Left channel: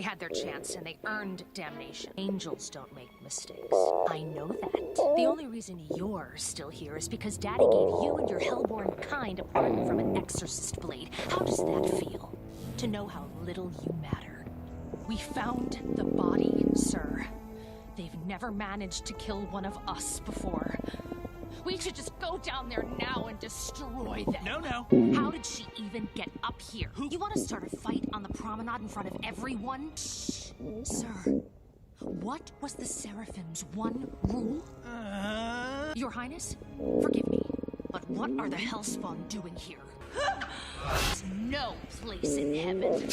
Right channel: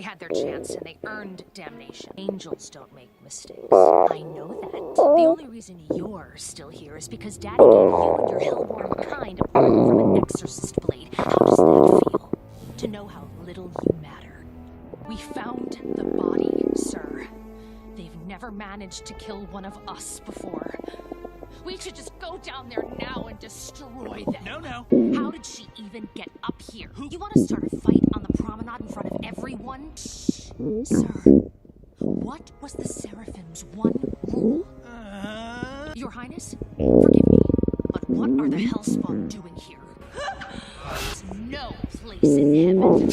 They had their chance and they earned damnation. Angels don't make mistakes. I know that. The only reason you're still here is because Daddy gave you and your hellborn kind a pardon from an exorcist blade. How does that feel? To know how little you matter. We found the body, sir. They've never managed to kill one of us before. We should just go down there now and destroy them. No. How did she even get up here? You want to start a fight on the promenade in front of everyone? Shh. Sir, what was the Seraphim's one rule? Your Highness, forgive me, but what are the Hellspawn doing here? There's no place in heaven.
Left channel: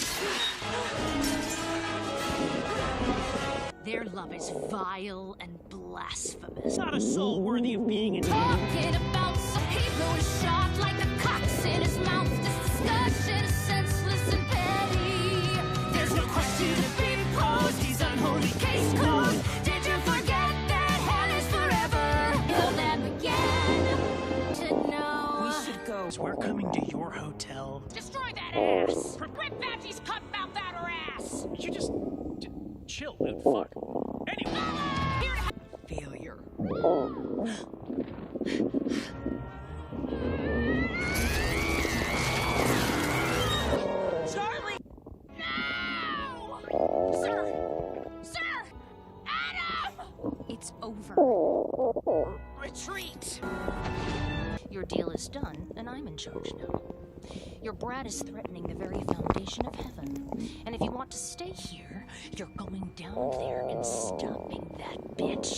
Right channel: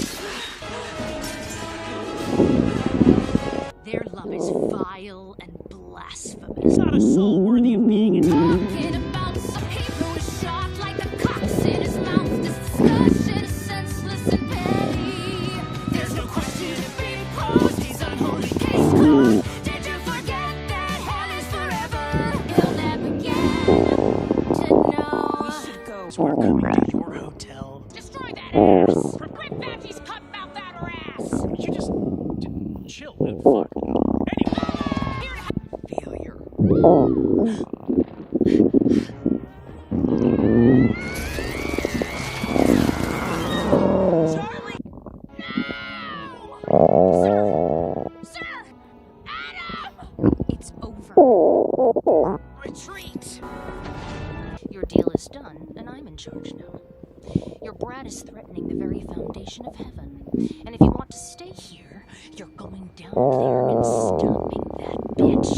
Their love is vile and blasphemous. Not a soul worthy of being in. Talking about some he blew his shot like the cocks in his mouth. This discussion is senseless and petty. There's no question to be posed. He's unholy case closed. Did you forget that hell is forever? You'll never get to know. We should go. We're coming to your hotel. Destroy that ass. Rip Badgie's cut mouth out her ass. You just chill, dude. Fuck. Anyway. Failure. Charlie! No! Sir! Adam! It's over. Retreat! Your deal is done, and I'm in charge now. Your brat is threatening the very foundation of heaven. And if you want to stay here, you're going down there and stopping that bitch.